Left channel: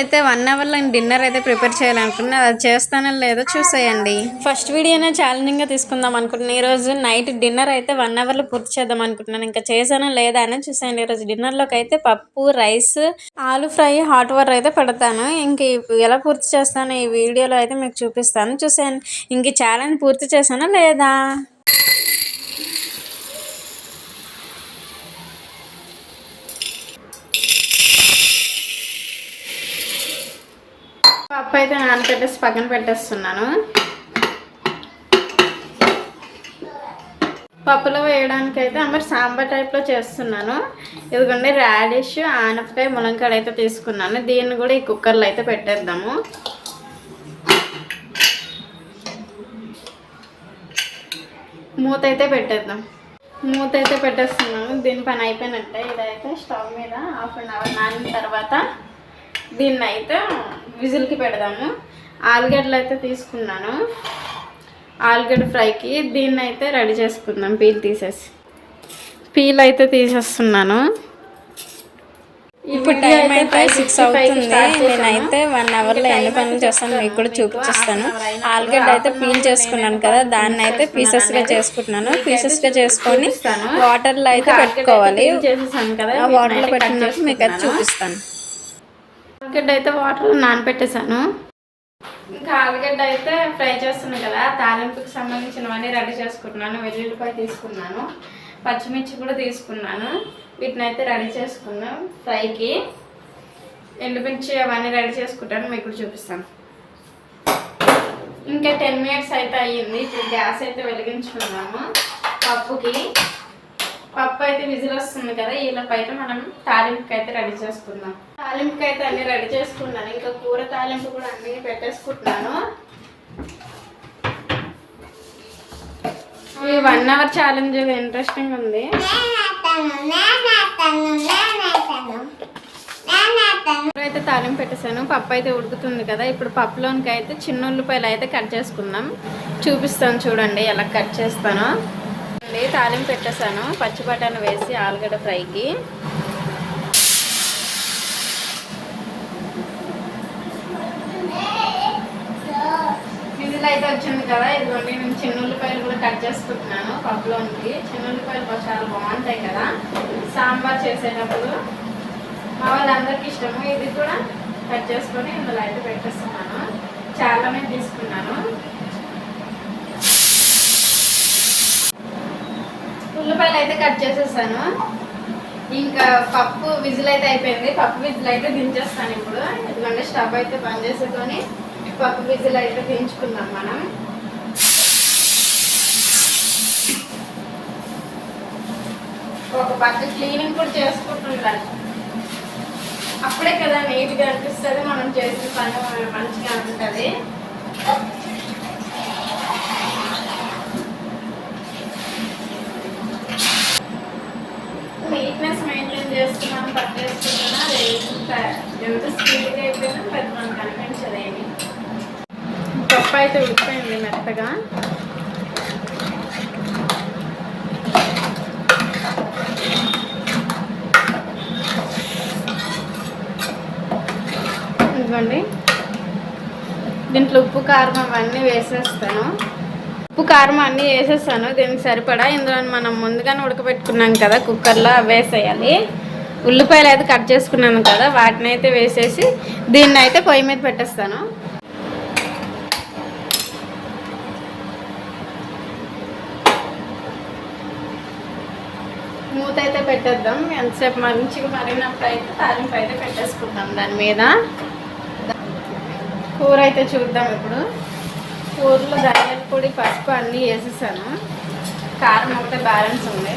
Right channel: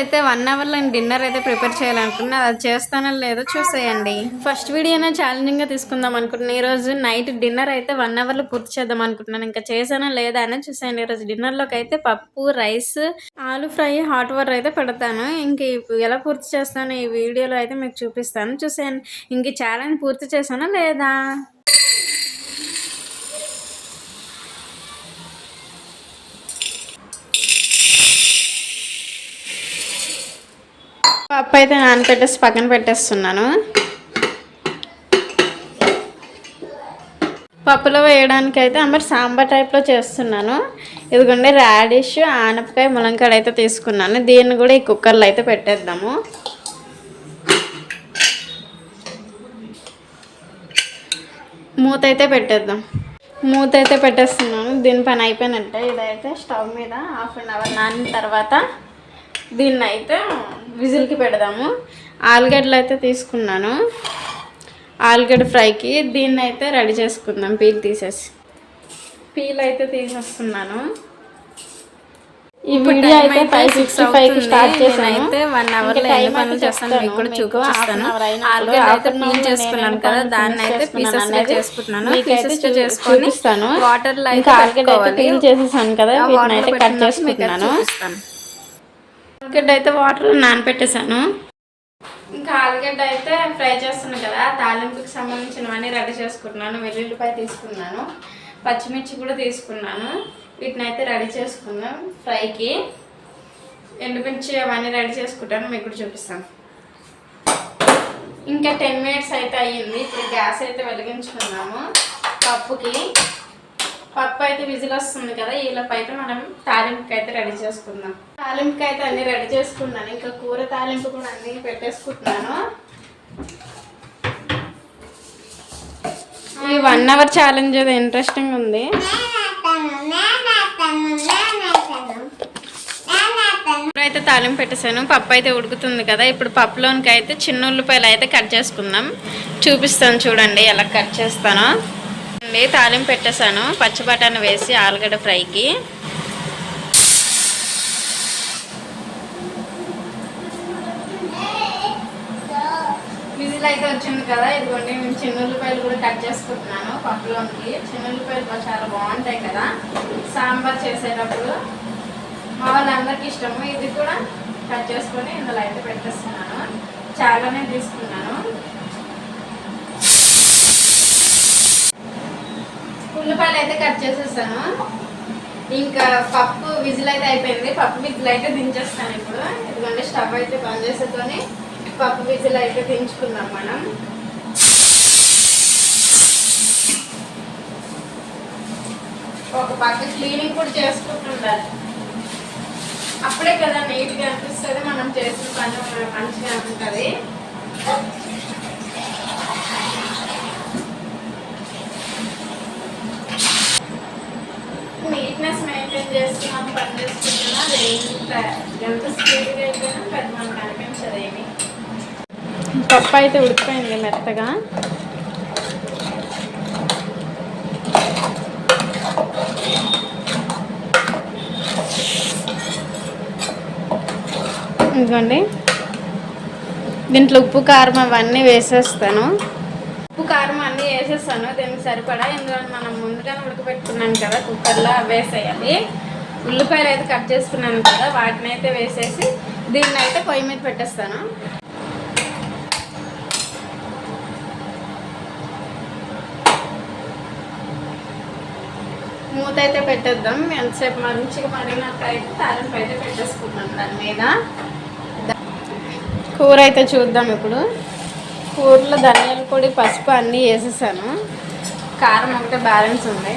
అయితే 1 అవర్లో డిన్నర్ అయితే ప్రిపేర్ చేయాలనుకున్నా, అది చేస్తానో లేదో చూసేయండి. ఫస్ట్ వీడియోనే ఛాలెంజింగ్గా తీసుకుందాం అనుకుంటున్నాను. ఈరోజు నైట్ డిన్నర్ అయితే 1 అవర్లో పూర్తి చేద్దాం అనుకుంటున్నాను. ఇంకా చేశానో లేదా అని చూసేయండి. ఈరోజు డిన్నర్లోకి అయితే పప్పు, రైస్, ఆలు ఫ్రై, హాట్ వాటర్ అయితే పెడతాను. ఇంక ఎలా పూర్తి చేస్తాను ఈ వీడియోలో అయితే మీకు చూపిస్తాను, చూసేయండి. ఇంక ఛాలెంజ్ పూర్తి చేశానో లేదా. పప్పు అయితే నానబెట్టేసి పక్కన పెట్టేస్తున్నాను. పప్పులో వేయడానికి అయితే మరి సాంబార్ టైప్లో చేస్తున్నాను. ఇదిగోండి రాడిష్, ఆనపకాయ, ములంకాయ అయితే తీసుకున్నాను. దీన్ని కూడా ఈ కుక్కర్లో అయితే పెట్టేద్దాము. మూత అయితే పెట్టేద్దాం. మూత అయితే పెట్టేస్తున్నాను. దీని పని అయిపోయినట్టే. ఇదైతే స్టవ్ మీద 1/2 అవర్ నానిన తర్వాత దీన్ని అయితే విజిల్కి పెడదాము. ఆలుగడ్డలు అయితే తీసుకున్నాను. ఆలుగడ్డ ఫ్రైకి దీన్ని అయితే రెడీ చేసుకుందాం. పీల్ అయితే తీసేస్తున్నాను. ఇప్పుడు టైం అయితే 6 అవుతుంది. నేనైతే 1 అవర్లో ఎన్ని పనులు చేస్తాను మీకు కూడా చూపిస్తాను. ఆలుగడ్డ అయితే పీల్ చేసుకున్నాను కదా, దాన్ని అయితే పీసెస్గా చేసుకుంటున్నాను. పీసెస్గా చేసుకొని వాటర్లో అయితే పెట్టుకోవాలి. చేసేసాను కదా, వాటర్లో పెట్టినప్పుడు మీకు అయితే చూపిస్తాను. ఆలుగడ్డ అయితే వాటర్లో నానబెట్టేసాను. ఇంకా ఆలుగడ్డ అయితే ఫ్రై చేస్తున్నాను కదా, తాలింపుకి సంబంధించినవన్నీ రెడీ చేసుకుంటున్నాను. వెల్లుల్లిపాయ తీసుకున్నాను, పచ్చిమిర్చి కూడా తీసుకున్నాను. వీటిని అయితే రెడీ చేసుకుందాం ఫ్రైకి. ఎండుమిర్చి అవన్నీ రెడీ చేసుకుంటాను, మీకు కూడా చూపిస్తాను. ఇంకా 10 మినిట్స్ అయితే అయ్యింది. ఇప్పుడు గ్యాస్ అయితే వెలిగించుకున్నాము. పప్పు అయితే విజిల్ వస్తుంది కదా, ఈలోపు అయితే మనం తాలింపుకి అయితే రెడీ చేసుకుందాం. తాలింపుకి అయితే అన్నీ రెడీ చేసుకున్నాను. ఇంకా కూర తాలింపు కూడా అన్నీ పెట్టేసుకుంటున్నాను. ఈ 1 అవర్ ఛాలెంజ్ అది ఇంట్రెస్టింగ్ ఉంది. అయితే తాలింపు పెట్టేశాను. పప్పు అయితే ఉడుకుతుంది కదా, ఇప్పుడు పప్పులోనికి అయితే చిన్న ఉల్లిపాయలు అయితే కట్ చేసుకుందాం. చూపిస్తాను చూడండి ఎలా కట్ చేస్తానో. తాలింపు పెట్టేశాను. పచ్చి బఠానీ వేసి ఆలుగడ్డ ఫ్రైకి. విజిల్ అయితే వచ్చింది కదా, ఇదిగోండి నేను చిన్న ఉల్లిపాయలు కూడా కట్ చేసుకుంటున్నాను. పప్పులోనికి చిన్న ఉల్లిపాయలు చాలా బాగుంటాయి కదా సాంబార్ చేసేటప్పుడు. మా వాళ్ళందరికీ ఇష్టము. ఇది కూడా కట్ చేసుకొని ఇందులో అయితే పెట్టేస్తున్నాను. చాలానే తీసుకున్నాను. ఉల్లిపాయలు అయితే కట్ చేసేసాను. ఇంకా పప్పు విజిల్ అయితే అయిపోయింది. పప్పు విజిల్ అయితే దించేస్తాను ఇప్పుడు. ఎందుకంటే స్టవ్ అయితే బంద్ చేసుకొని పప్పు విజిల్ అయితే దించుకుందాం మనం. ఒక పక్క క్లీనింగ్ కూడా చేసుకుంటుండాలి. అప్పుడే కదా నీట్గా అనిపిస్తుంది. మనం చేసిన పని మంచిగా ఉంటుంది. నీట్నెస్ మెయింటైన్ చేస్తున్నాం, పని చేసుకుంటున్నా. ఎంత స్పీడ్గా అయిపోయినా పెద్ద మనకు కనిపించదు ఏమి. పప్పు అయితే ఉడికిపోయింది మెత్తగా. ఇదిగోండి దీంట్లో ఉప్పు కారం అవన్నీ వేసేస్తాను. ఉప్పు కారం అన్నీ వేసేస్తాను దీనికి సరిపడా. ఇందులో మనం ముందుగానే ఉడకబెట్టుకున్నాం కదా కుక్కర్లో, వేసేయాలి. ఉల్లిపాయలు అయితే కట్ చేసుకున్నాను కదా, వాటిని అయితే వేసేసి దీన్ని అయితే పొయ్యి మీద పెట్టేస్తాను. మూత అయితే పెట్టేద్దాం. ఎంతసేపు మంచిగా మరిగినప్పుడు అయితే తాలింపు అయితే పెట్టేసుకుందాం దాని మీద. కూర అయితే చూద్దాం ఇప్పుడు. కూరలో ధనియాల పొడి, పసుపు అన్నీ వేసేసాను. కారం ఒకటే బ్యాలెన్స్ ఉంది.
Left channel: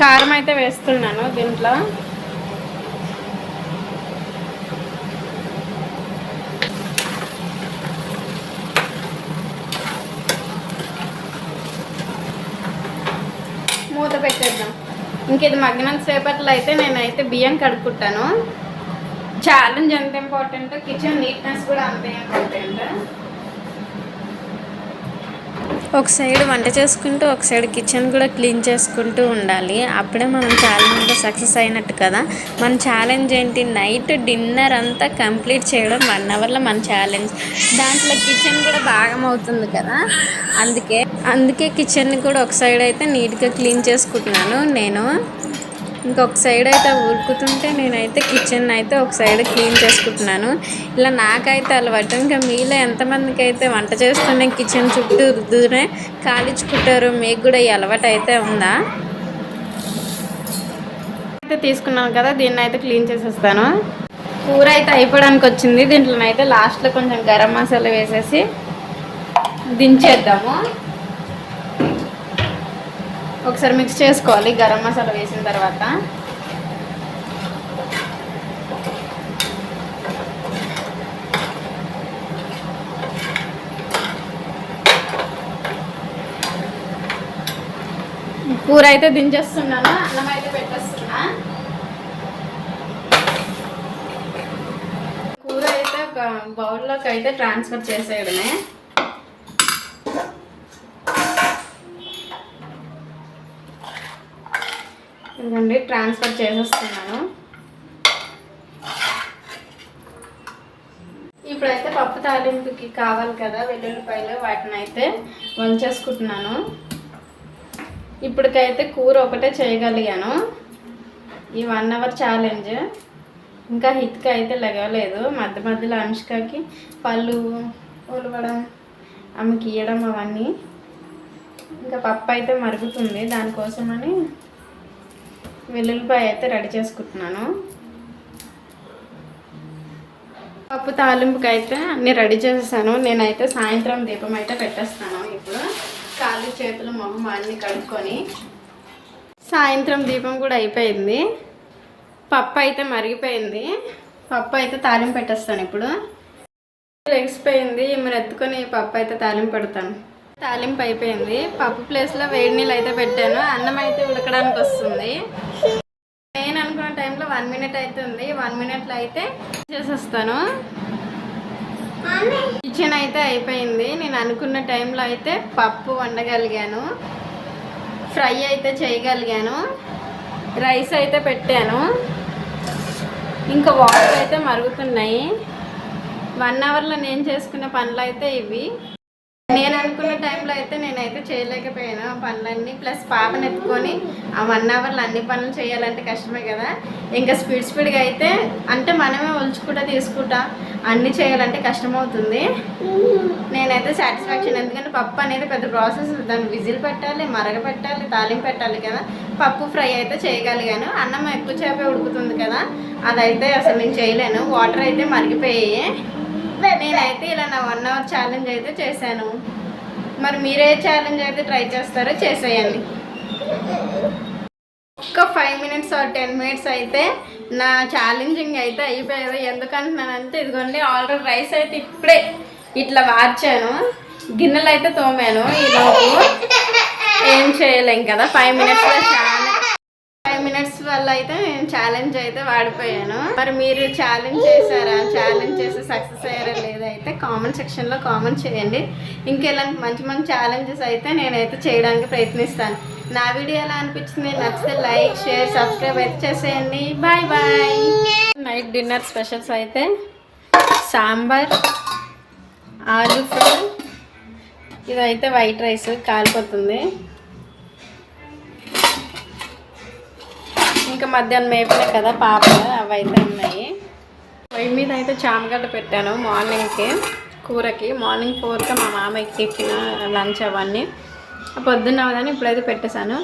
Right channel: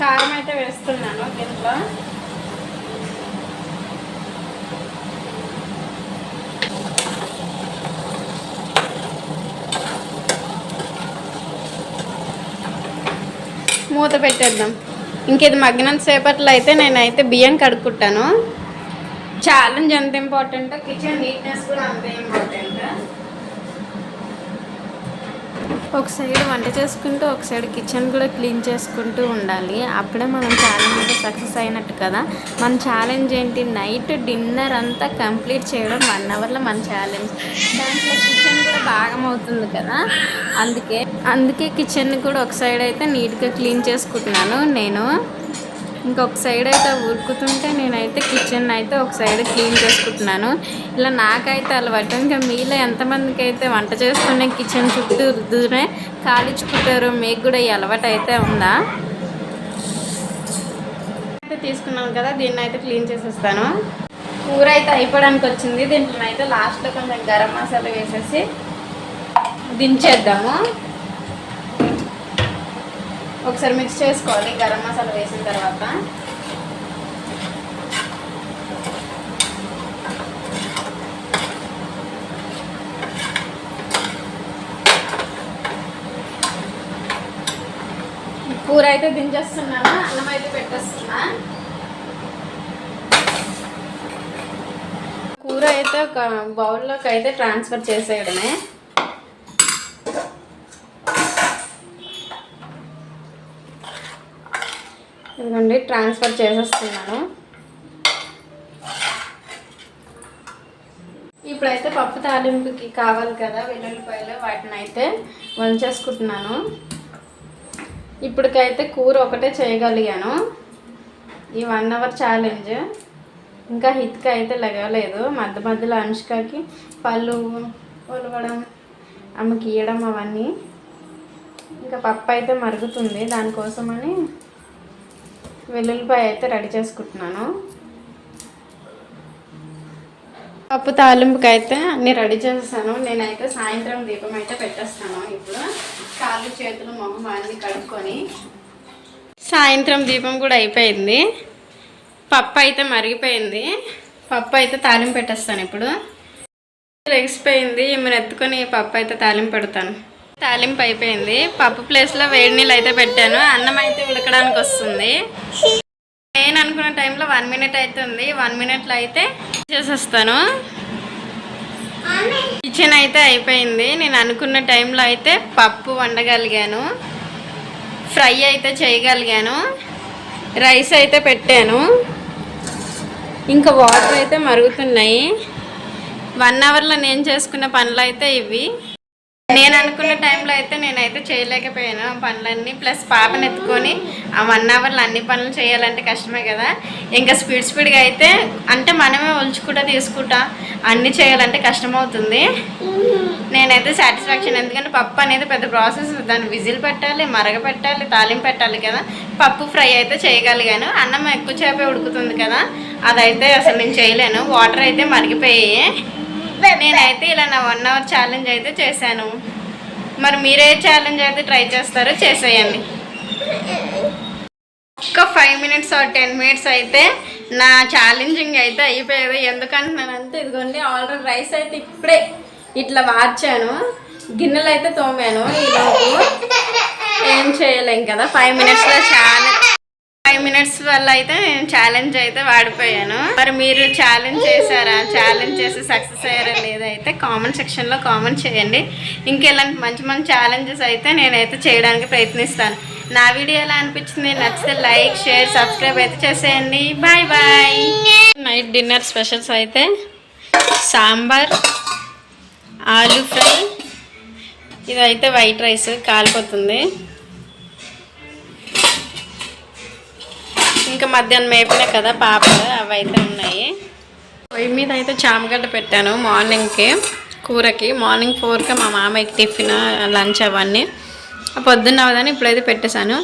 కారం అయితే వేస్తున్నాను దీంట్లో. మూత పెట్టేద్దాం. ఇంకేది మగ్గినంత సేపట్లో అయితే నేనైతే బియ్యం కడుక్కుంటాను. ఛాలెంజ్ ఎంత ఇంపార్టెంట్, కిచెన్ నీట్నెస్ కూడా అంతే ఇంపార్టెంట్. ఒక సైడ్ వంట చేసుకుంటూ ఒక సైడ్ కిచెన్ కూడా క్లీన్ చేసుకుంటూ ఉండాలి. అప్పుడే మనం ఛాలెంజ్లో సక్సెస్ అయినట్టు కదా. మన ఛాలెంజ్ ఏంటి, నైట్ డిన్నర్ అంతా కంప్లీట్ చేయడం 1 అవర్లో మన ఛాలెంజ్. దాంట్లో కిచెన్ కూడా భాగం అవుతుంది కదా. అందుకే కిచెన్ని కూడా ఒక సైడ్ అయితే నీట్గా క్లీన్ చేసుకుంటున్నాను నేను. ఇంకొక సైడ్ అయితే ఉరుకుతుంటే నేనైతే కిచెన్ అయితే ఒక సైడ్ క్లీన్ చేసుకుంటున్నాను. ఇలా నాకైతే అలవాటు. ఇంకా మీలో ఎంతమందికి అయితే వంట చేస్తూనే కిచెన్ చుట్టూ రుద్దునే కాలించుకుంటారు, మీకు కూడా ఈ అలవాటు అయితే ఉందా? అయితే తీసుకున్నాను కదా, దీన్ని అయితే క్లీన్ చేసేస్తాను. కూర అయితే అయిపోవడానికి వచ్చింది. దీంట్లోనైతే లాస్ట్లో కొంచెం గరం మసాలా వేసేసి దించేద్దాము. ఒకసారి మిక్స్ చేసుకోవాలి గరం మసాలా వేసిన తర్వాత. కూర అయితే దించేస్తున్నాను, అన్నం అయితే పెట్టేస్తున్నా. కూర అయితే ఒక బౌల్లోకి అయితే ట్రాన్స్ఫర్ చేసేయడమే. ఇదిగోండి ట్రాన్స్ఫర్ చేసేస్తున్నాను. ఇప్పుడైతే పప్పు తాలింపుకి కావాలి కదా వెల్లుల్లిపాయలు, వాటిని అయితే వంచేసుకుంటున్నాను. ఇప్పటికైతే కూర ఒకటే చేయగలిగాను ఈ 1 అవర్ ఛాలెంజ్. ఇంకా హిత్కి అయితే లెగలేదు. మధ్యలో అనుష్కకి పళ్ళు ఒలవడం, ఆమెకి ఇవ్వడం అవన్నీ. ఇంకా పప్పు అయితే మరుగుతుంది, దానికోసమని వెల్లుల్లిపాయ అయితే రెడీ చేసుకుంటున్నాను. పప్పు తాలింపుకి అయితే అన్నీ రెడీ చేసేసాను. నేనైతే సాయంత్రం దీపం అయితే పెట్టేస్తాను. ఇప్పుడు కాళ్ళు చేతులు మొహం అన్నీ కడుక్కొని సాయంత్రం దీపం కూడా అయిపోయింది. పప్పు అయితే మరిగిపోయింది. పప్పు అయితే తాలింపు పెట్టేస్తాను. ఇప్పుడు లెగిసిపోయింది, ఈమెను ఎత్తుకొని పప్పు అయితే తాలింపు పెడతాను. తాలింపు అయిపోయింది. పప్పు ప్లేస్లో వేడి నీళ్ళు అయితే పెట్టాను. అన్నం అయితే ఉడకడానికి వస్తుంది. నేను అనుకున్న టైంలో 1 మినిట్ అవుతుంది. 1 మినిట్లో అయితే చేసేస్తాను. కిచెన్ అయితే అయిపోయింది. నేను అనుకున్న టైంలో అయితే పప్పు వండగలిగాను, ఫ్రై అయితే చేయగలిగాను, రైస్ అయితే పెట్టాను. ఇంకా వాటర్ అయితే మరుగుతున్నాయి. 1 అవర్లో నేను చేసుకున్న పనులు అయితే ఇవి. నేను అనుకున్న టైంలో అయితే నేనైతే చేయలేకపోయాను ఆ పనులన్నీ. ప్లస్ పాపను ఎత్తుకొని ఆ 1 అవర్లో అన్ని పనులు చేయాలంటే కష్టమే కదా. ఇంకా స్పీడ్గా అయితే అంటే మనమే ఒలుచుకుంటా తీసుకుంటా అన్నీ చేయాలంటే కష్టమవుతుంది. నేనైతే సాటిస్ఫాక్షన్, ఎందుకంటే పప్పు అనేది పెద్ద ప్రాసెస్. దాన్ని విజిల్ పెట్టాలి, మరగపెట్టాలి, తాలింపు పెట్టాలి కదా. పప్పు ఫ్రై అయితే చేయగలిగాను. అన్నం ఎక్కువ చేపే ఉడుకుతుంది కదా, అదైతే అసలు నేను చేయలేను. వాటర్ అయితే మరిగిపోయాయి. నేనైతే ఇలా నా 1 అవర్ ఛాలెంజ్ అయితే చేశాను. మరి మీరే ఛాలెంజ్ అయితే ట్రై చేస్తారో చేసేయండి. ఒక్క 5 మినిట్స్ ఆర్ 10 మినిట్స్ అయితే నా ఛాలెంజింగ్ అయితే అయిపోయేది. ఎందుకంటున్నానంటే ఇదిగోండి ఆల్రెడీ రైస్ అయితే ఇప్పుడే ఇట్లా వార్చాను, గిన్నెలు అయితే తోమాను. ఈలోపు ఏం చేయలేం కదా. 5 మినిట్స్లో 5 మినిట్స్ వల్ల అయితే నేను ఛాలెంజ్ అయితే వాడిపోయాను. మరి మీరు ఛాలెంజ్ చేశారా, ఛాలెంజ్ చేసి సక్సెస్ అయ్యారా లేదా అయితే కామెంట్ సెక్షన్లో కామెంట్ చేయండి. ఇంకెలాంటి మంచి ఛాలెంజెస్ అయితే నేనైతే చేయడానికి ప్రయత్నిస్తాను. నా వీడియో ఎలా అనిపించింది, నచ్చితే లైక్, షేర్, సబ్స్క్రైబ్ అయితే చేసేయండి. Bye bye. Night dinner specials అయితే సాంబార్, ఆలూ ఫ్రై, ఇదైతే వైట్ రైస్ కాలిపోతుంది. ఇంకా మధ్యాహ్నం వేపినా కదా పాపలు, అవి అయితే ఉన్నాయి. పొయ్యి మీద అయితే చామగడ్డ పెట్టాను మార్నింగ్కి కూరకి. మార్నింగ్ 4కి మా మామయ్యకి టిఫిన్, లంచ్ అవన్నీ పొద్దున్న అవదని ఇప్పుడైతే పెట్టేశాను.